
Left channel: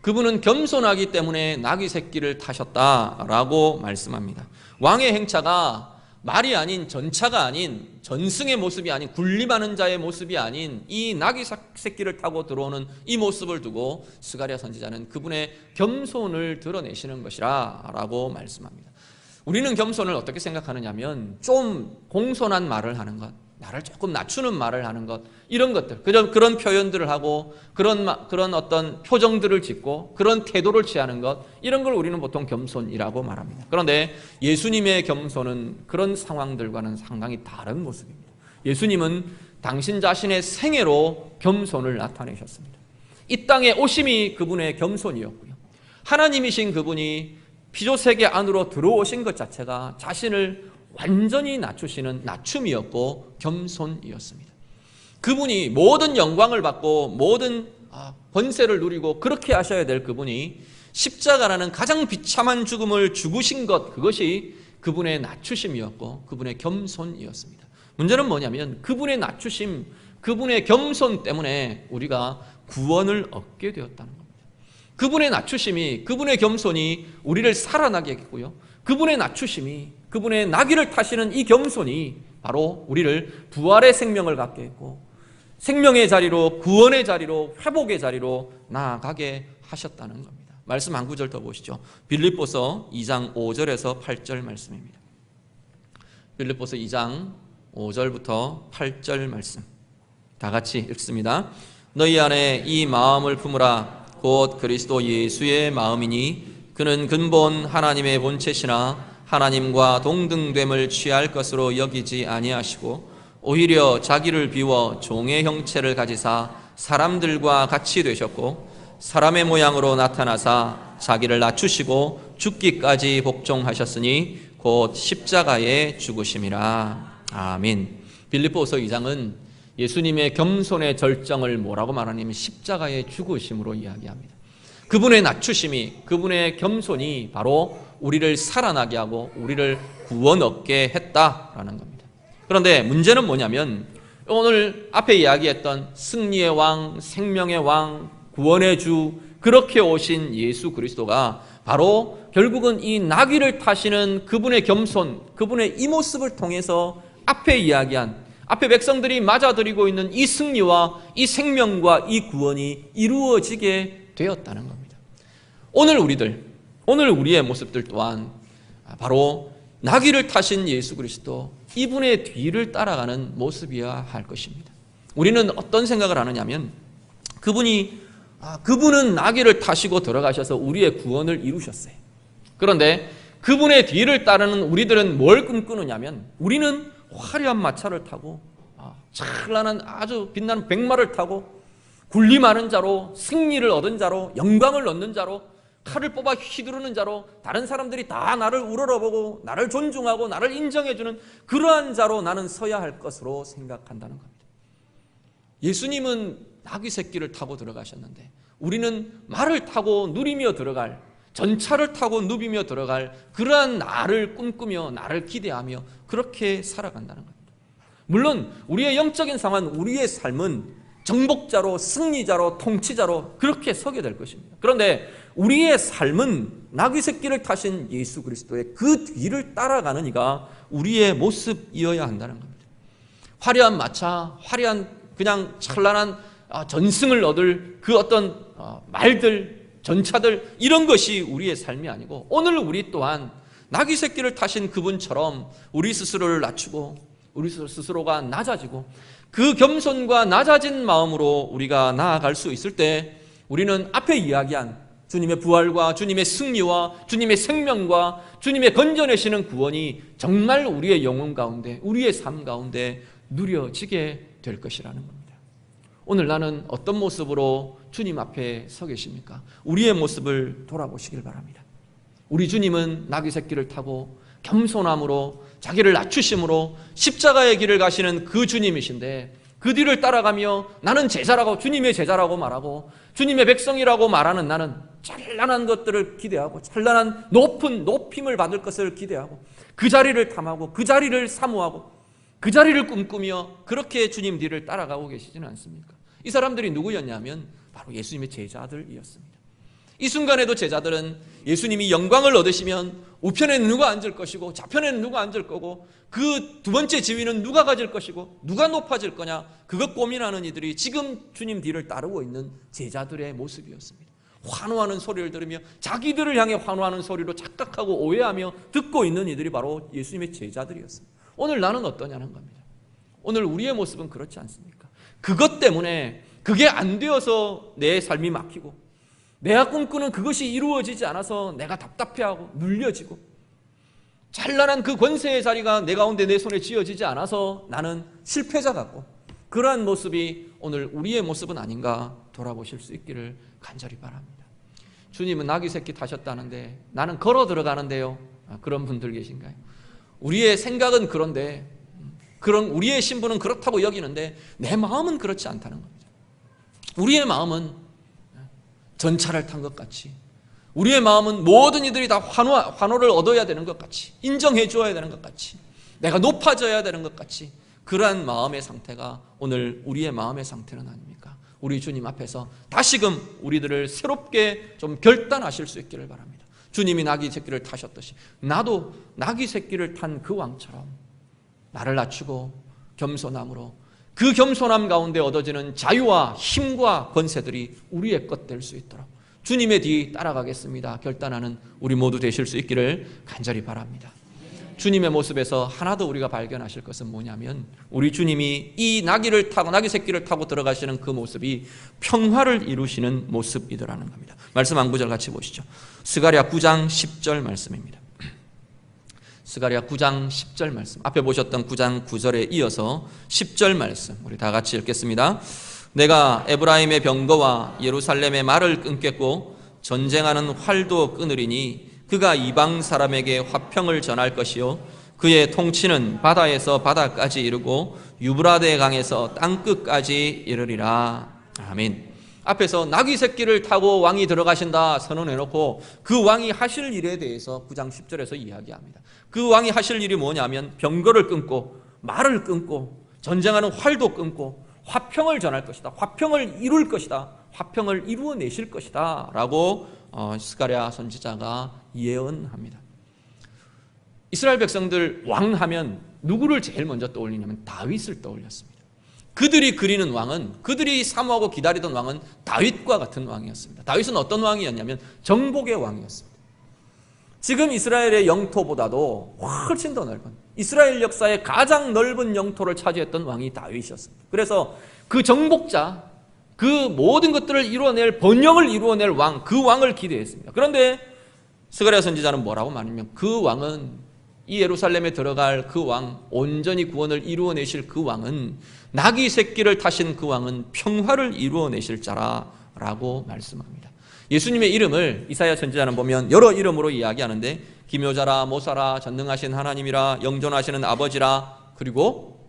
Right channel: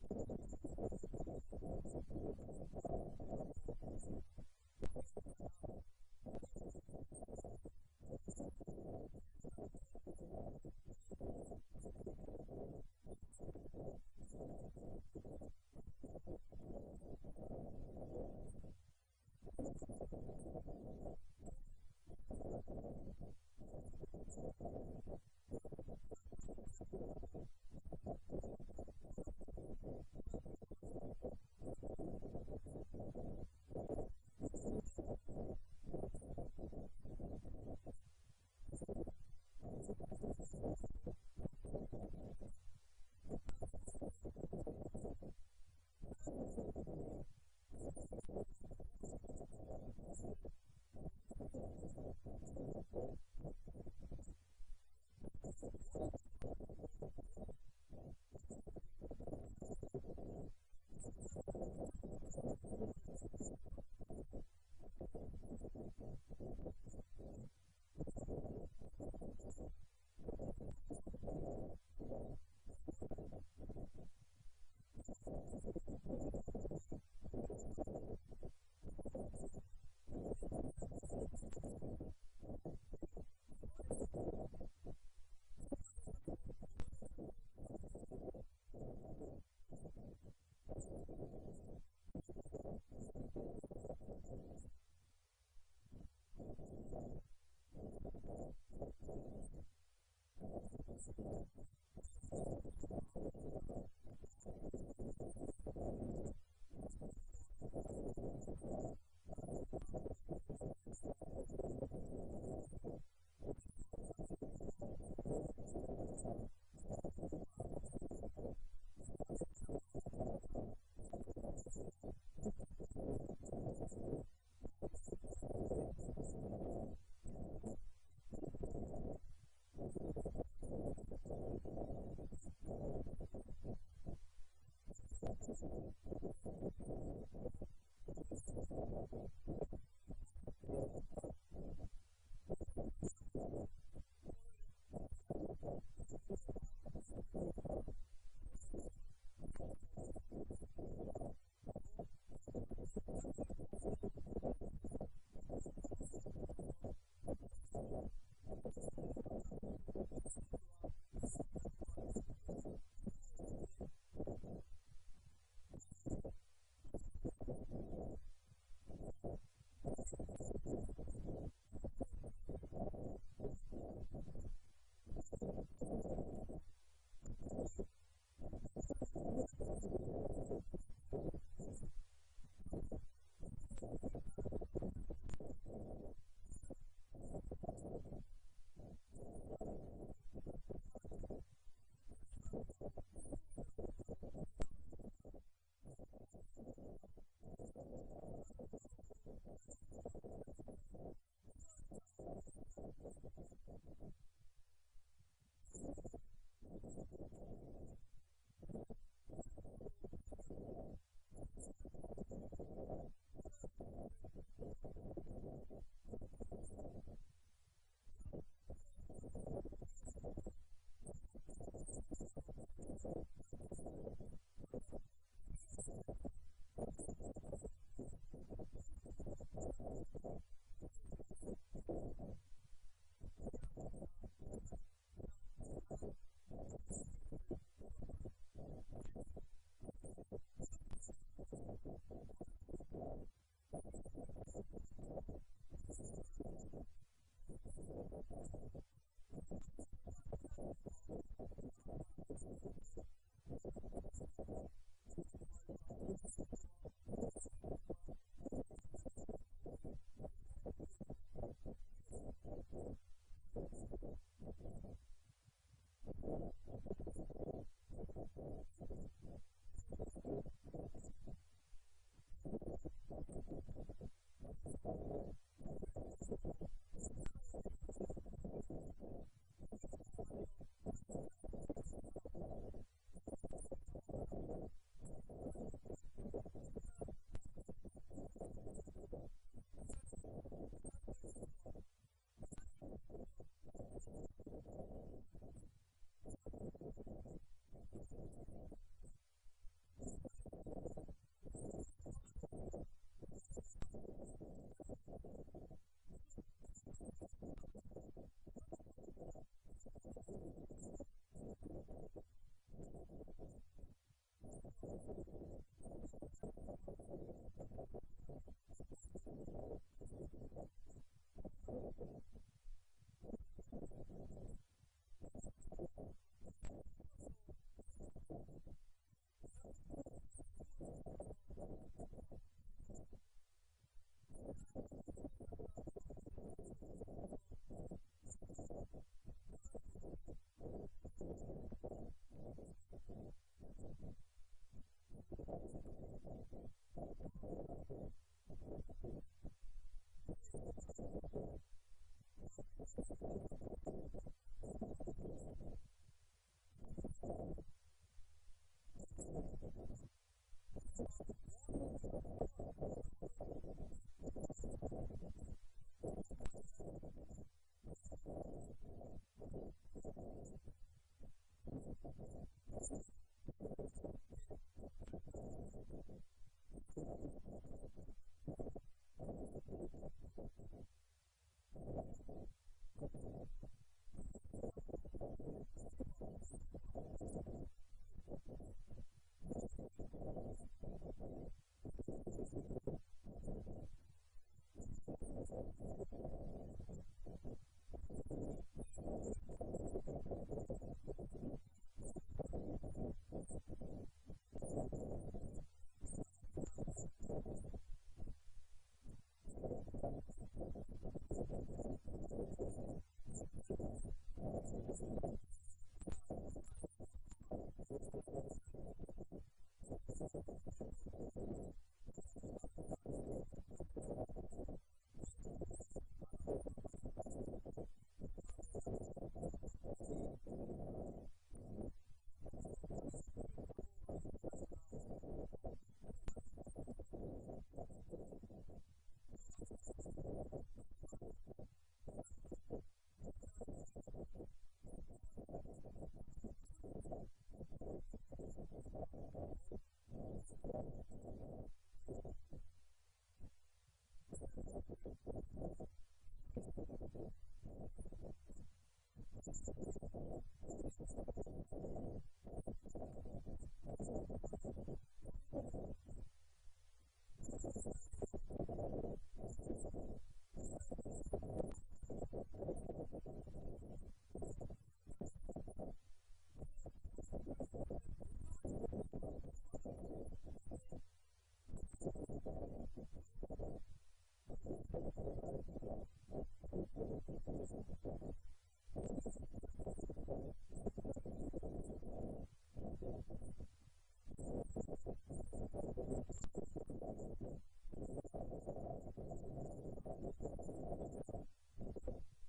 그분은 겸손하기 때문에 나귀 새끼를 타셨다라고 말씀합니다. 왕의 행차가 말이 아닌, 전차가 아닌, 전승의 모습이 아닌, 군림하는 자의 모습이 아닌 이 나귀 새끼를 타고 들어오는 이 모습을 두고 스가랴 선지자는 그분의 겸손을 드러내시는 것이라 라고 말씀합니다. 우리는 겸손을 어떻게 생각하느냐면 좀 공손한 말을 하는 것, 나를 조금 낮추는 말을 하는 것, 이런 것들, 그런 표현들을 하고 그런 어떤 표정들을 짓고 그런 태도를 취하는 것, 이런 걸 우리는 보통 겸손이라고 말합니다. 그런데 예수님의 겸손은 그런 상황들과는 상당히 다른 모습입니다. 예수님은 당신 자신의 생애로 겸손을 나타내셨습니다. 이 땅에 오심이 그분의 겸손이었고요, 하나님이신 그분이 피조세계 안으로 들어오신 것 자체가 자신을 완전히 낮추시는 낮춤이었고 겸손이었습니다. 그분이 모든 영광을 받고 모든 번세를 누리고 그렇게 하셔야 될 그분이 십자가라는 가장 비참한 죽음을 죽으신 것, 그것이 그분의 낮추심이었고 그분의 겸손이었습니다. 문제는 뭐냐면 그분의 낮추심, 그분의 겸손 때문에 우리가 구원을 얻게 되었다는 겁니다. 그분의 낮추심이, 그분의 겸손이 우리를 살아나게 했고요, 그분의 낮추심이, 그분의 나귀를 타시는 이 겸손이 바로 우리를 부활의 생명을 갖게 했고 생명의 자리로, 구원의 자리로, 회복의 자리로 나아가게 하셨다는 겁니다. 말씀 한 구절 더 보시죠. 빌립보서 2장 5절에서 8절 말씀입니다. 빌립보서 2장 5절부터 8절 말씀 다 같이 읽습니다. 너희 안에 이 마음을 품으라. 곧 그리스도 예수의 마음이니 그는 근본 하나님의 본체시나 하나님과 동등됨을 취할 것으로 여기지 아니하시고 오히려 자기를 비워 종의 형체를 가지사 사람들과 같이 되셨고 사람의 모양으로 나타나사 자기를 낮추시고 죽기까지 복종하셨으니 곧 십자가에 죽으심이라. 아멘. 빌립보서 2장은 예수님의 겸손의 절정을 뭐라고 말하냐면 십자가의 죽으심으로 이야기합니다. 그분의 낮추심이, 그분의 겸손이 바로 우리를 살아나게 하고 우리를 구원 얻게 했다라는 겁니다. 그런데 문제는 뭐냐면 오늘 앞에 이야기했던 승리의 왕, 생명의 왕, 구원의 주, 그렇게 오신 예수 그리스도가 바로 결국은 이 나귀를 타시는 그분의 겸손, 그분의 이 모습을 통해서 앞에 이야기한, 앞에 백성들이 맞아들이고 있는 이 승리와 이 생명과 이 구원이 이루어지게 되었다는 겁니다. 오늘 우리의 모습들 또한 바로 나귀를 타신 예수 그리스도, 이분의 뒤를 따라가는 모습이어야 할 것입니다. 우리는 어떤 생각을 하느냐면 그분은 나귀를 타시고 들어가셔서 우리의 구원을 이루셨어요. 그런데 그분의 뒤를 따르는 우리들은 뭘 꿈꾸느냐면 우리는 화려한 마차를 타고 찬란한 아주 빛나는 백마를 타고 군림하는 자로, 승리를 얻은 자로, 영광을 얻는 자로, 칼을 뽑아 휘두르는 자로, 다른 사람들이 다 나를 우러러보고 나를 존중하고 나를 인정해주는 그러한 자로 나는 서야 할 것으로 생각한다는 겁니다. 예수님은 나귀 새끼를 타고 들어가셨는데 우리는 말을 타고 누리며 들어갈, 전차를 타고 누비며 들어갈 그러한 나를 꿈꾸며 나를 기대하며 그렇게 살아간다는 겁니다. 물론 우리의 영적인 상황, 우리의 삶은 정복자로, 승리자로, 통치자로 그렇게 서게 될 것입니다. 그런데 우리의 삶은 나귀 새끼를 타신 예수 그리스도의 그 뒤를 따라가는 이가 우리의 모습이어야 한다는 겁니다. 화려한 마차, 화려한 그냥 찬란한 전승을 얻을 그 어떤 말들, 전차들, 이런 것이 우리의 삶이 아니고, 오늘 우리 또한 나귀 새끼를 타신 그분처럼 우리 스스로를 낮추고 우리 스스로가 낮아지고 그 겸손과 낮아진 마음으로 우리가 나아갈 수 있을 때, 우리는 앞에 이야기한 주님의 부활과 주님의 승리와 주님의 생명과 주님의 건져내시는 구원이 정말 우리의 영혼 가운데, 우리의 삶 가운데 누려지게 될 것이라는 겁니다. 오늘 나는 어떤 모습으로 주님 앞에 서 계십니까? 우리의 모습을 돌아보시길 바랍니다. 우리 주님은 나귀 새끼를 타고 겸손함으로 자기를 낮추심으로 십자가의 길을 가시는 그 주님이신데, 그 뒤를 따라가며 나는 제자라고, 주님의 제자라고 말하고 주님의 백성이라고 말하는 나는 찬란한 것들을 기대하고 찬란한 높은 높임을 받을 것을 기대하고 그 자리를 탐하고 그 자리를 사모하고 그 자리를 꿈꾸며 그렇게 주님 뒤를 따라가고 계시지는 않습니까? 이 사람들이 누구였냐면 바로 예수님의 제자들이었습니다. 이 순간에도 제자들은 예수님이 영광을 얻으시면 우편에는 누가 앉을 것이고 좌편에는 누가 앉을 거고 그 두 번째 지위는 누가 가질 것이고 누가 높아질 거냐, 그것 고민하는 이들이 지금 주님 뒤를 따르고 있는 제자들의 모습이었습니다. 환호하는 소리를 들으며 자기들을 향해 환호하는 소리로 착각하고 오해하며 듣고 있는 이들이 바로 예수님의 제자들이었습니다. 오늘 나는 어떠냐는 겁니다. 오늘 우리의 모습은 그렇지 않습니까? 그것 때문에 그게 안 되어서 내 삶이 막히고 내가 꿈꾸는 그것이 이루어지지 않아서 내가 답답해하고 눌려지고 찬란한 그 권세의 자리가 내 가운데 내 손에 쥐어지지 않아서 나는 실패자 같고, 그러한 모습이 오늘 우리의 모습은 아닌가 돌아보실 수 있기를 간절히 바랍니다. 주님은 나귀 새끼 타셨다는데 나는 걸어 들어가는데요. 그런 분들 계신가요? 우리의 생각은 그런데, 그런 우리의 신분은 그렇다고 여기는데 내 마음은 그렇지 않다는 겁니다. 우리의 마음은 전차를 탄 것 같이, 우리의 마음은 모든 이들이 다 환호를 얻어야 되는 것 같이, 인정해 주어야 되는 것 같이, 내가 높아져야 되는 것 같이, 그러한 마음의 상태가 오늘 우리의 마음의 상태는 아닙니까? 우리 주님 앞에서 다시금 우리들을 새롭게 좀 결단하실 수 있기를 바랍니다. 주님이 나귀 새끼를 타셨듯이 나도 나귀 새끼를 탄 그 왕처럼 나를 낮추고 겸손함으로 그 겸손함 가운데 얻어지는 자유와 힘과 권세들이 우리의 것 될 수 있도록 주님의 뒤 따라가겠습니다 결단하는 우리 모두 되실 수 있기를 간절히 바랍니다. 주님의 모습에서 하나 더 우리가 발견하실 것은 뭐냐면, 우리 주님이 이 나귀 새끼를 타고 들어가시는 그 모습이 평화를 이루시는 모습이더라는 겁니다. 말씀 한 구절 같이 보시죠. 스가랴 9장 10절 말씀입니다. 스가랴 9장 10절 말씀, 앞에 보셨던 9장 9절에 이어서 10절 말씀 우리 다 같이 읽겠습니다. 내가 에브라임의 병거와 예루살렘의 말을 끊겠고 전쟁하는 활도 끊으리니 그가 이방 사람에게 화평을 전할 것이요 그의 통치는 바다에서 바다까지 이르고 유브라데 강에서 땅끝까지 이르리라. 아멘. 앞에서 나귀 새끼를 타고 왕이 들어가신다 선언해놓고 그 왕이 하실 일에 대해서 9장 10절에서 이야기합니다. 그 왕이 하실 일이 뭐냐면 병거를 끊고 말을 끊고 전쟁하는 활도 끊고 화평을 전할 것이다, 화평을 이룰 것이다, 화평을 이루어내실 것이다 라고 스가랴 선지자가 예언합니다. 이스라엘 백성들 왕하면 누구를 제일 먼저 떠올리냐면 다윗을 떠올렸습니다. 그들이 그리는 왕은, 그들이 사모하고 기다리던 왕은 다윗과 같은 왕이었습니다. 다윗은 어떤 왕이었냐면 정복의 왕이었습니다. 지금 이스라엘의 영토보다도 훨씬 더 넓은, 이스라엘 역사의 가장 넓은 영토를 차지했던 왕이 다윗이었습니다. 그래서 그 정복자, 그 모든 것들을 이루어낼, 번영을 이루어낼 왕, 그 왕을 기대했습니다. 그런데 스가랴 선지자는 뭐라고 말하냐면 그 왕은, 이 예루살렘에 들어갈 그 왕, 온전히 구원을 이루어내실 그 왕은, 나귀 새끼를 타신 그 왕은 평화를 이루어내실 자라라고 말씀합니다. 예수님의 이름을 이사야 선지자는 보면 여러 이름으로 이야기하는데 기묘자라, 모사라, 전능하신 하나님이라, 영존하시는 아버지라, 그리고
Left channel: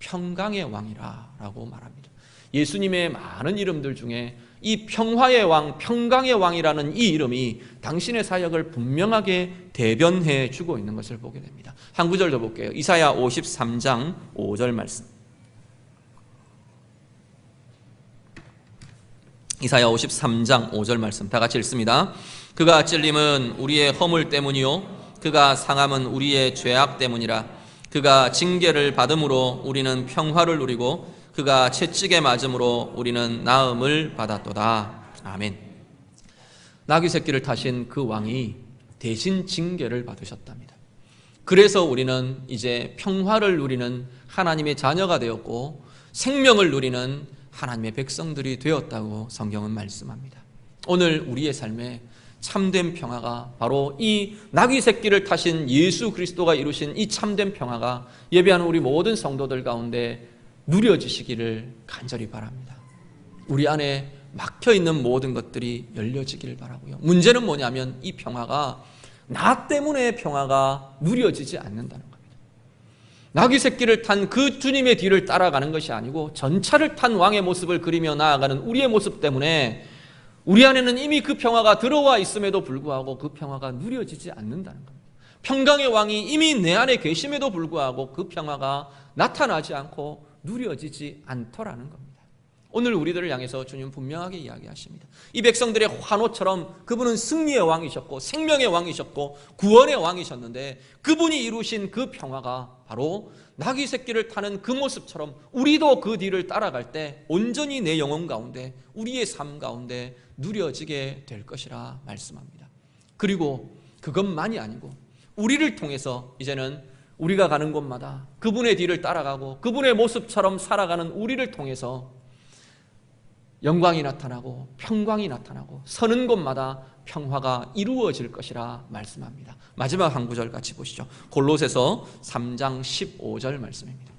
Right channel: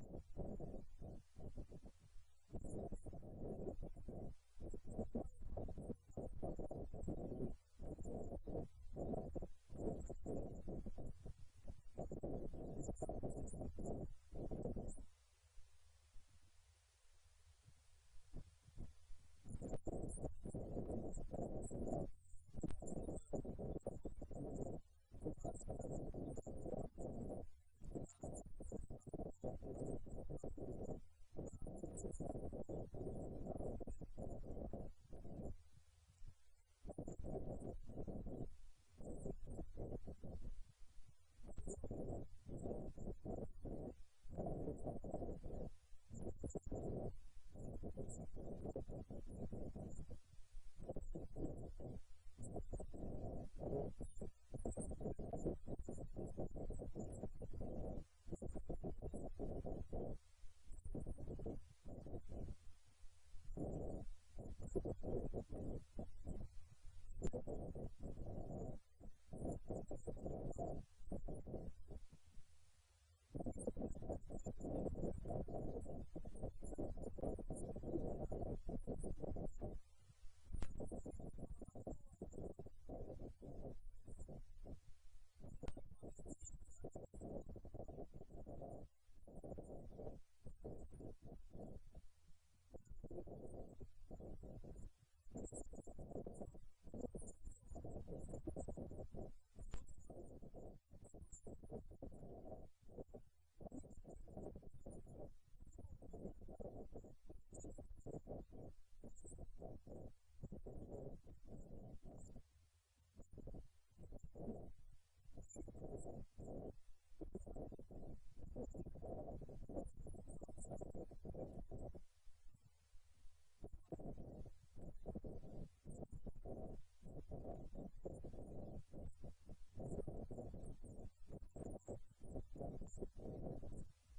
평강의 왕이라 라고 말합니다. 예수님의 많은 이름들 중에 이 평화의 왕, 평강의 왕이라는 이 이름이 당신의 사역을 분명하게 대변해 주고 있는 것을 보게 됩니다. 한 구절 더 볼게요. 이사야 53장 5절 말씀. 이사야 53장 5절 말씀 다 같이 읽습니다. 그가 찔림은 우리의 허물 때문이요 그가 상함은 우리의 죄악 때문이라. 그가 징계를 받음으로 우리는 평화를 누리고 그가 채찍에 맞음으로 우리는 나음을 받았도다. 아멘. 나귀 새끼를 타신 그 왕이 대신 징계를 받으셨답니다. 그래서 우리는 이제 평화를 누리는 하나님의 자녀가 되었고 생명을 누리는 하나님의 백성들이 되었다고 성경은 말씀합니다. 오늘 우리의 삶에 참된 평화가 바로 이 나귀 새끼를 타신 예수 그리스도가 이루신 이 참된 평화가 예배하는 우리 모든 성도들 가운데 누려지시기를 간절히 바랍니다. 우리 안에 막혀있는 모든 것들이 열려지기를 바라고요. 문제는 뭐냐면 이 평화가 나 때문에 평화가 누려지지 않는다는 겁니다. 나귀 새끼를 탄 그 주님의 뒤를 따라가는 것이 아니고 전차를 탄 왕의 모습을 그리며 나아가는 우리의 모습 때문에 우리 안에는 이미 그 평화가 들어와 있음에도 불구하고 그 평화가 누려지지 않는다는 겁니다. 평강의 왕이 이미 내 안에 계심에도 불구하고 그 평화가 나타나지 않고 누려지지 않더라는 겁니다. 오늘 우리들을 향해서 주님 분명하게 이야기하십니다. 이 백성들의 환호처럼 그분은 승리의 왕이셨고 생명의 왕이셨고 구원의 왕이셨는데 그분이 이루신 그 평화가 바로 나귀 새끼를 타는 그 모습처럼 우리도 그 뒤를 따라갈 때 온전히 내 영혼 가운데 우리의 삶 가운데 누려지게 될 것이라 말씀합니다. 그리고 그것만이 아니고 우리를 통해서 이제는 우리가 가는 곳마다 그분의 뒤를 따라가고 그분의 모습처럼 살아가는 우리를 통해서 영광이 나타나고 평강이 나타나고 서는 곳마다 평화가 이루어질 것이라 말씀합니다. 마지막 한 구절 같이 보시죠. 골로새서 3장 15절 말씀입니다.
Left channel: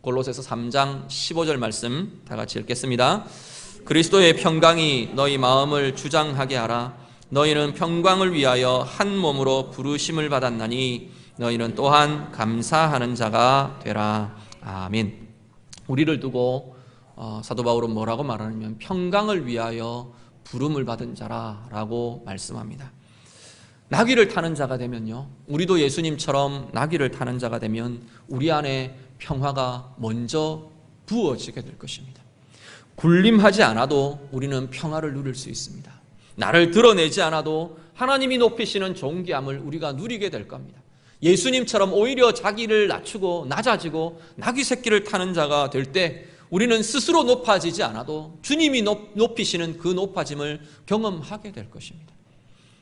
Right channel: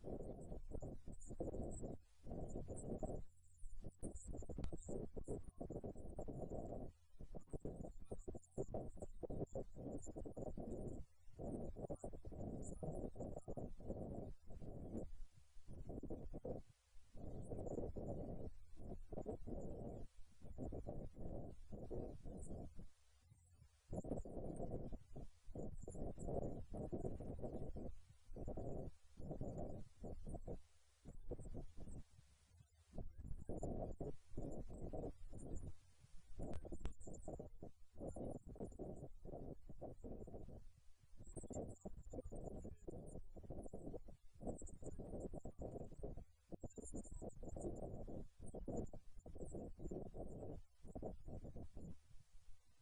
골로새서 3장 15절 말씀 다 같이 읽겠습니다. 그리스도의 평강이 너희 마음을 주장하게 하라. 너희는 평강을 위하여 한 몸으로 부르심을 받았나니 너희는 또한 감사하는 자가 되라. 아멘. 우리를 두고 사도 바울은 뭐라고 말하냐면 평강을 위하여 부름을 받은 자라고 말씀합니다. 나귀를 타는 자가 되면요, 우리도 예수님처럼 나귀를 타는 자가 되면 우리 안에 평화가 먼저 부어지게 될 것입니다. 군림하지 않아도 우리는 평화를 누릴 수 있습니다. 나를 드러내지 않아도 하나님이 높이시는 존귀함을 우리가 누리게 될 겁니다. 예수님처럼 오히려 자기를 낮추고 낮아지고 나귀 새끼를 타는 자가 될 때 우리는 스스로 높아지지 않아도 주님이 높이시는 그 높아짐을 경험하게 될 것입니다.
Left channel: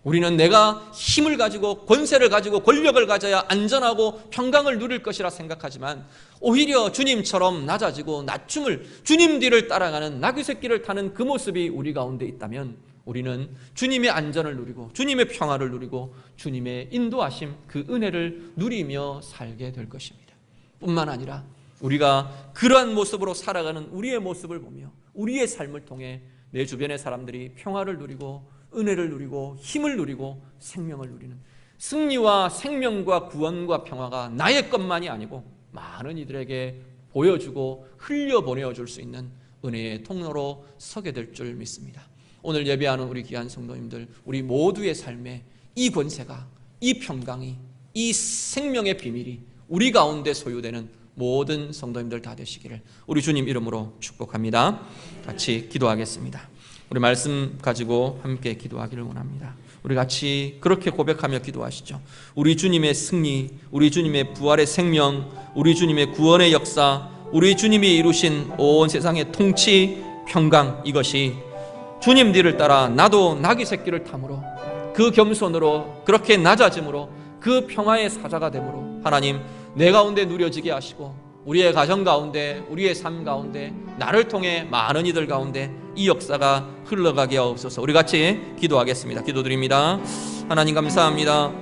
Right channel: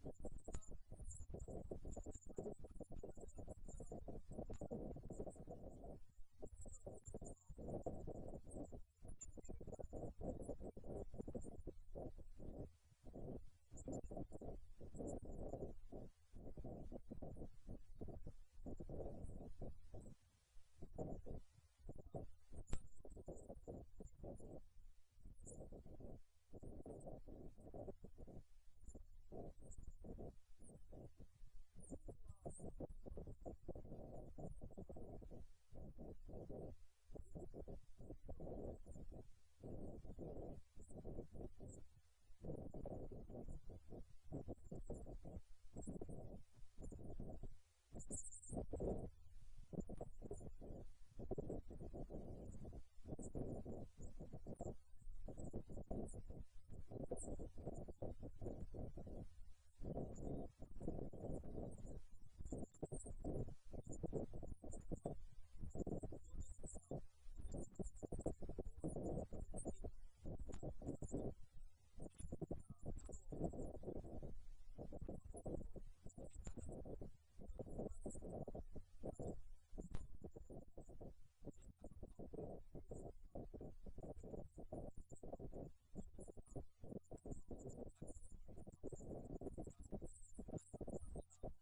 우리는 내가 힘을 가지고 권세를 가지고 권력을 가져야 안전하고 평강을 누릴 것이라 생각하지만 오히려 주님처럼 낮아지고 낮춤을 주님 뒤를 따라가는 나귀 새끼를 타는 그 모습이 우리 가운데 있다면 우리는 주님의 안전을 누리고 주님의 평화를 누리고 주님의 인도하심 그 은혜를 누리며 살게 될 것입니다. 뿐만 아니라 우리가 그러한 모습으로 살아가는 우리의 모습을 보며 우리의 삶을 통해 내 주변의 사람들이 평화를 누리고 은혜를 누리고 힘을 누리고 생명을 누리는 승리와 생명과 구원과 평화가 나의 것만이 아니고 많은 이들에게 보여주고 흘려보내어 줄 수 있는 은혜의 통로로 서게 될 줄 믿습니다. 오늘 예배하는 우리 귀한 성도님들, 우리 모두의 삶에 이 권세가, 이 평강이, 이 생명의 비밀이 우리 가운데 소유되는 모든 성도님들 다 되시기를 우리 주님 이름으로 축복합니다. 같이 기도하겠습니다. 우리 말씀 가지고 함께 기도하기를 원합니다. 우리 같이 그렇게 고백하며 기도하시죠. 우리 주님의 승리, 우리 주님의 부활의 생명, 우리 주님의 구원의 역사, 우리 주님이 이루신 온 세상의 통치, 평강, 이것이 주님 뒤를 따라 나도 나귀 새끼를 탐으로 그 겸손으로 그렇게 낮아짐으로 그 평화의 사자가 되므로 하나님 내 가운데 누려지게 하시고 우리의 가정 가운데 우리의 삶 가운데 나를 통해 많은 이들 가운데 이 역사가 흘러가게 하옵소서. 우리 같이 기도하겠습니다. 기도드립니다. 하나님 감사합니다.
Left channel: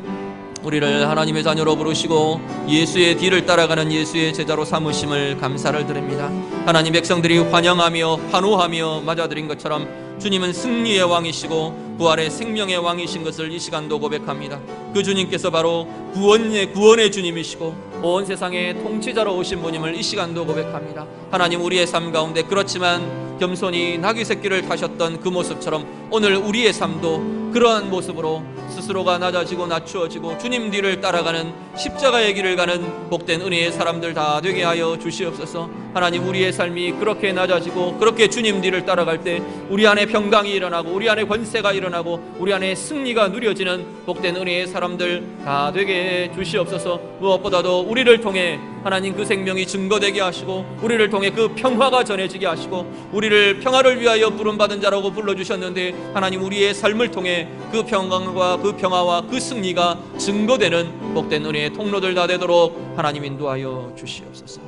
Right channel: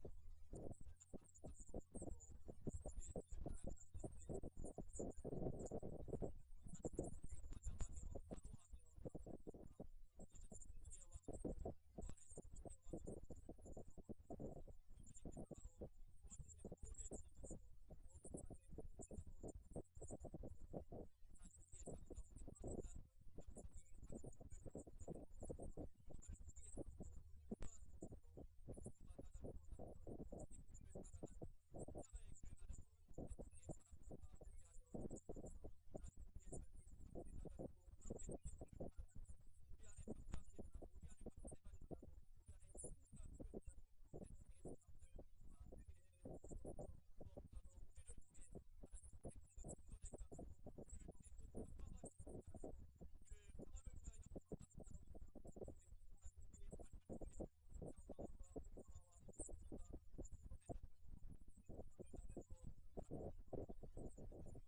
우리를 하나님의 자녀로 부르시고 예수의 뒤를 따라가는 예수의 제자로 삼으심을 감사를 드립니다. 하나님 백성들이 환영하며 환호하며 맞아들인 것처럼 주님은 승리의 왕이시고 부활의 생명의 왕이신 것을 이 시간도 고백합니다. 그 주님께서 바로 구원의 주님이시고 온 세상의 통치자로 오신 분임을 이 시간도 고백합니다. 하나님, 우리의 삶 가운데 그렇지만 겸손히 나귀 새끼를 타셨던 그 모습처럼 오늘 우리의 삶도 그러한 모습으로 스스로가 낮아지고 낮추어지고 주님 뒤를 따라가는 십자가의 길을 가는 복된 은혜의 사람들 다 되게 하여 주시옵소서. 하나님, 우리의 삶이 그렇게 낮아지고 그렇게 주님 뒤를 따라갈 때 우리 안에 평강이 일어나고 우리 안에 권세가 일어나고 우리 안에 승리가 누려지는 복된 은혜의 사람들 다 되게 해 주시옵소서. 무엇보다도 우리를 통해 하나님 그 생명이 증거되게 하시고 우리를 통해 그 평화가 전해지게 하시고 우리를 평화를 위하여 부름받은 자라고 불러주셨는데 하나님, 우리의 삶을 통해 그 평강과 그 평화와 그 승리가 증거되는 복된 은혜의 통로들 다 되도록 하나님 인도하여 주시옵소서.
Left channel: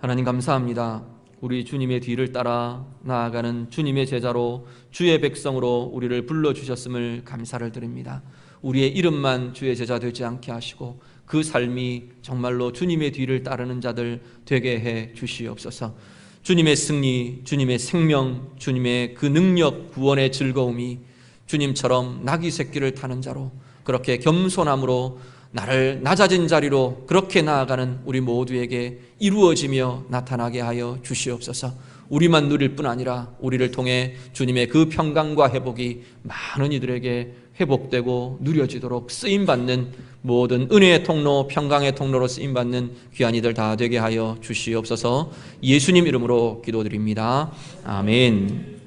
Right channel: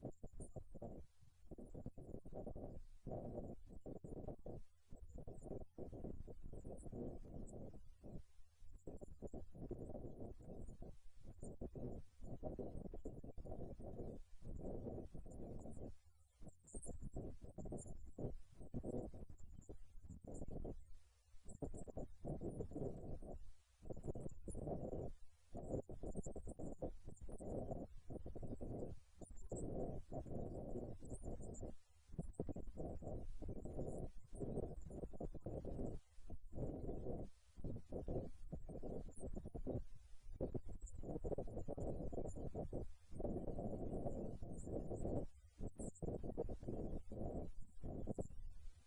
하나님, 감사합니다. 우리 주님의 뒤를 따라 나아가는 주님의 제자로 주의 백성으로 우리를 불러주셨음을 감사를 드립니다. 우리의 이름만 주의 제자 되지 않게 하시고 그 삶이 정말로 주님의 뒤를 따르는 자들 되게 해 주시옵소서. 주님의 승리, 주님의 생명, 주님의 그 능력, 구원의 즐거움이 주님처럼 나귀 새끼를 타는 자로 그렇게 겸손함으로 나를 낮아진 자리로 그렇게 나아가는 우리 모두에게 이루어지며 나타나게 하여 주시옵소서. 우리만 누릴 뿐 아니라 우리를 통해 주님의 그 평강과 회복이 많은 이들에게 회복되고 누려지도록 쓰임받는 모든 은혜의 통로, 평강의 통로로 쓰임받는 귀한 이들 다 되게 하여 주시옵소서. 예수님 이름으로 기도드립니다. 아멘.